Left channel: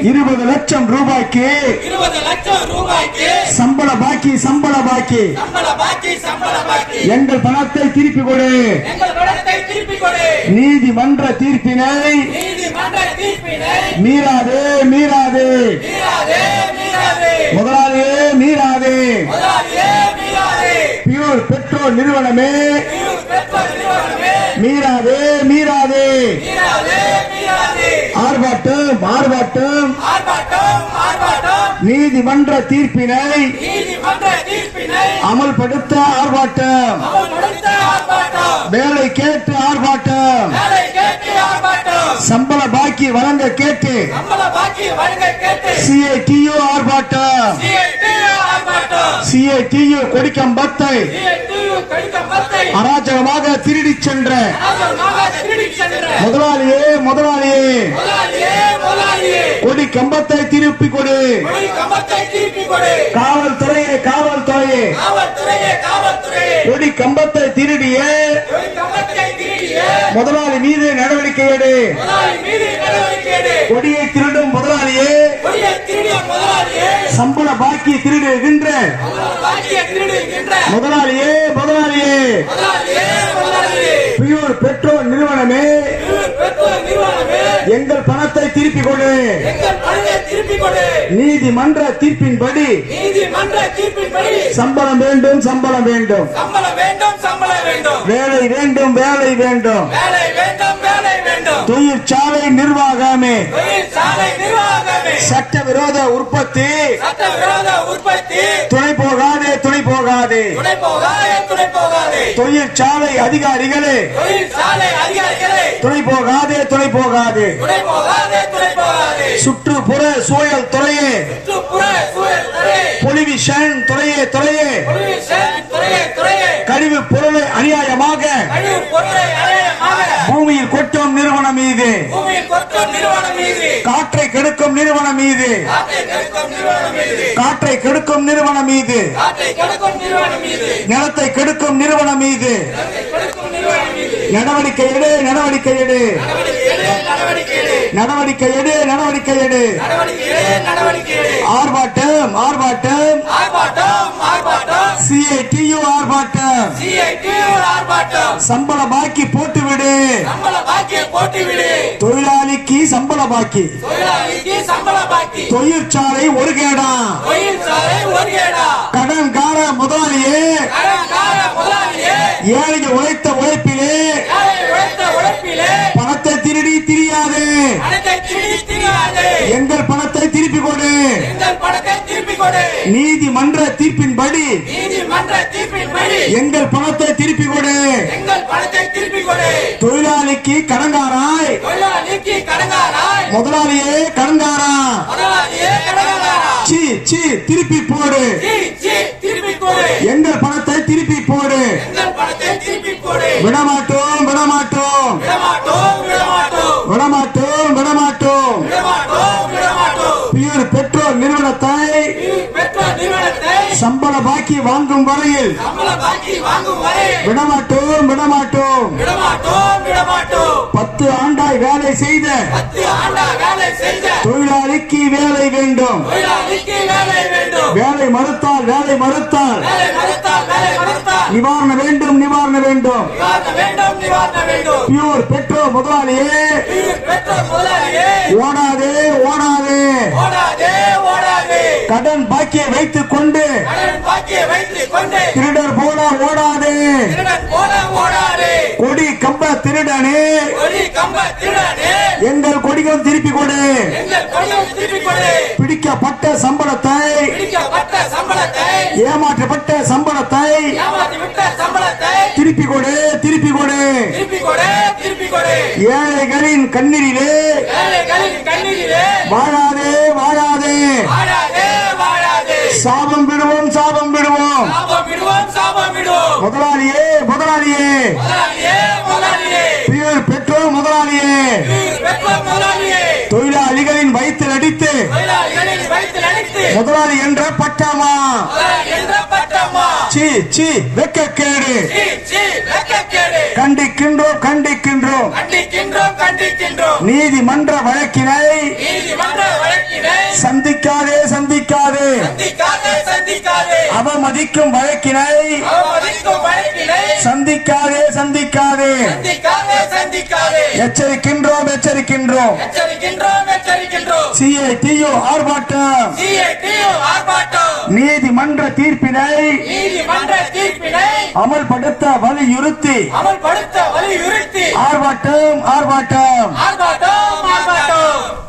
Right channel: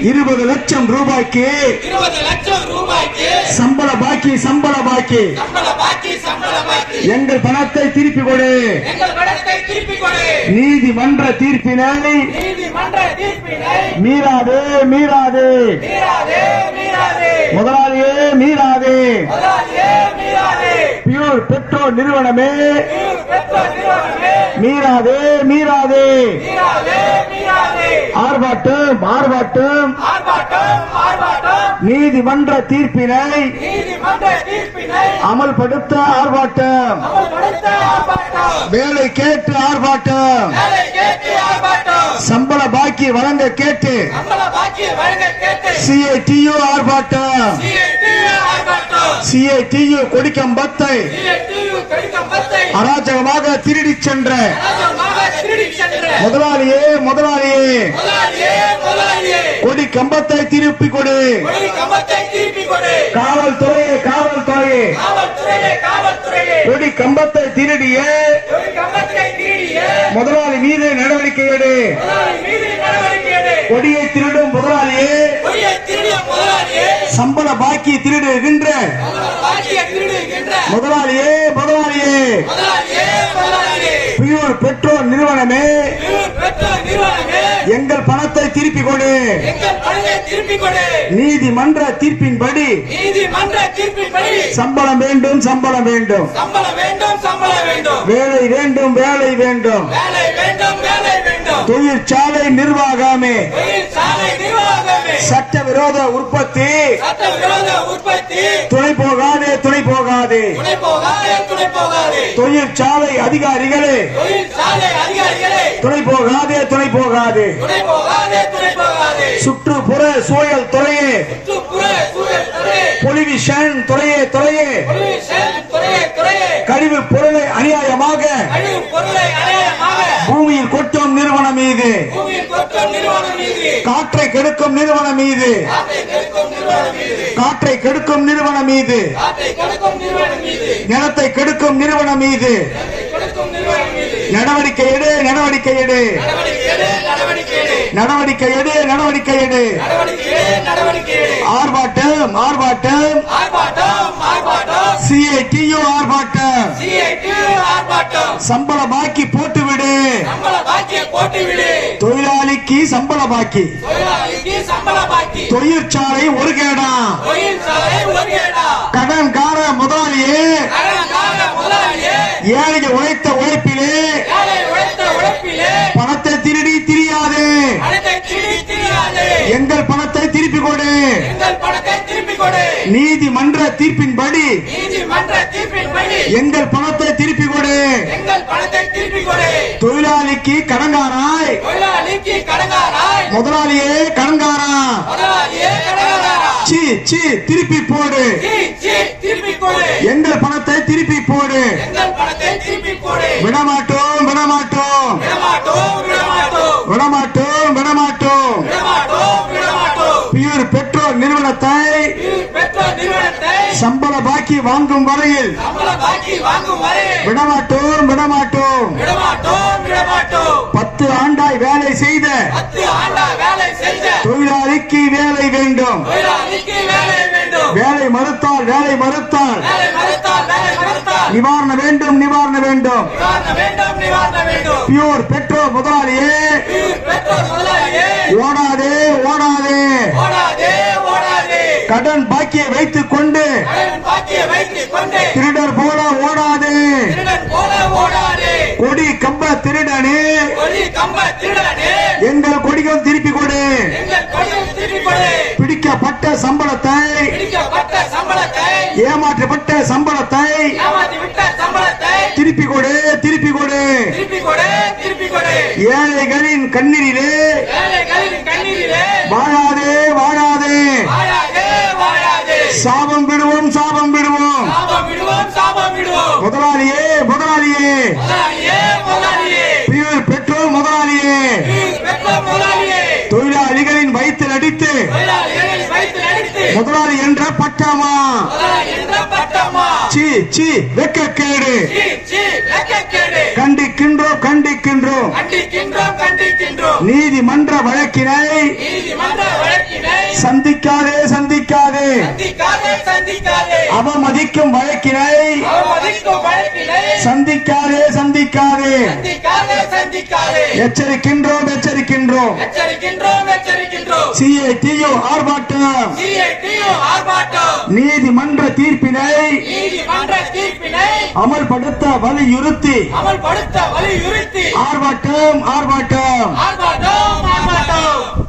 20 லட்சம் ரூபாய்க்கு சம்பள பாக்கி எங்கள் பணத்தை திருப்பி கொடு. நீதிமன்ற தீர்ப்பினை மீறாதே முதலாளியே மீறாதே. பியூர் பெட்ரோல் நிறுவனமே மீறாதே. ஆர்ப்பாட்டம் நீதிமன்ற தீர்ப்பினை அமல்படுத்த ஆர்ப்பாட்டம். வேலை கேட்டு ஆர்ப்பாட்டம். சம்பள பாக்கி வழங்க கேட்டு CITU ஆர்ப்பாட்டம். CITU கொடிக்கம்பத்தை அராஜகமாக திருடி சென்ற முதலாளியே கொடி கம்பத்தை திருப்பி கொடு. காவல்துறையே கொடி கம்பத்தை திருடிய முதலாளி மீது நடவடிக்கை எடு. கொடியை திருடும் முதலாளியே சம்பள பாக்கி திருடுகின்ற முதலாளியே பியூர் பெட்ரோல் நிறுவனமே எங்கள் பணத்தை திருப்பி கொடு. நீதிமன்ற தீர்ப்பின்படி சம்பளம் வேண்டும். வேலை வேண்டும். தொழிற்சாலை நிர்வாகமே சட்டவிரோத உற்பத்தி துணை போகாதே. தொழிற்சாலை அதிகாரிகளே துணை போகாதே. சுற்றுப்புற சூழல் துறையே பொலிவிஷன் துறையே கழிவு பொருளை அநியாயமாக பூமியில் கொட்டும் நிறுவனம் மீது காற்றை கெடுக்கும் நிறுவனம் மீது நிலத்தை கெடுக்கும் நிறுவனம் மீது நடவடிக்கை எடு. ஆர்ப்பாட்டம் CITU ஆர்ப்பாட்டம். சம்பள பாக்கி போட்டுவிடு. தொழிலாளிக்கு சம்பள பாக்கி. தொழிற்சாலை ஒரு கேடா. கடன்கார முதலாளியே ஏழைகள் உழைத்த உழைப்பிலே பணத்தை திருடி திரியாதே. எங்கள் பணத்தை திருப்பி கொடு. நீதிமன்ற தீர்ப்பின்படி எங்கள் பணத்தை திருப்பி கொடு. தொழிலாளிக்கு கடங்காராய் முதலாளியே கடங்காரா. திருப்பி போடு. எங்கள் பணத்தை திருப்பி போடு. விடமாட்டோம். பியூர் பெட்ரோல் நிறுவனத்தை சம்பள பாக்கி வாங்கும் வரையில் விடமாட்டோம். 10 ஆண்டாய் வேலை செய்த தொழிலாளிக்கு வேலை வேண்டும். வேலை மறுத்தால் நிவாரணம் வேண்டும். பியூர் பெட்ரோல் முதலாளியே ஓடாதே. கடன் பாக்கியை வைத்துக் கொண்டு திருடர் போல ஓடாதே. கொடி கம்ப திருடனே எங்கள் கொடிகள் திருப்பி கொடு. பிடிக்கப்பட்ட சம்பளத்தை ஏமாற்றப்பட்ட சம்பளத்தை திருப்பி கொடு. ஏழைகளின் கண்ணீரிலே வாழாதே. சாபம் விடுவோம். முதலாளியே பியூர் பெட்ரோல் முதலாளியே தொழிலாளிகளின் வயிற்றில் அடித்து முதலாளி என்ற பட்டமா. வெட்கக்கேடு. கண்டிக்கின்றோம். நீதிமன்ற வழக்கினை சந்திக்காதே சந்திக்காதே சந்திக்காதே சந்திக்காதே அவமதிக்கும் வழக்கினை அவமதிக்கும் வழக்கினை சந்திக்காதே சந்திக்காதே சந்திக்காதே சந்திக்காதே எச்சரிக்கின்றோம் எச்சரிக்கின்றோம் எச்சரிக்கின்றோம் எச்சரிக்கின்றோம் CITU ஆர்ப்பாட்டம் CITU ஆர்ப்பாட்டம் நீதிமன்ற தீர்ப்பினை நீதிமன்ற தீர்ப்பினை அமல்படுத்த வலியுறுத்தி அமல்படுத்த வலியுறுத்தி ஆர்ப்பாட்டம் ஆர்ப்பாட்டம் ஆர்ப்பாட்டம் ஆர்ப்பாட்டம்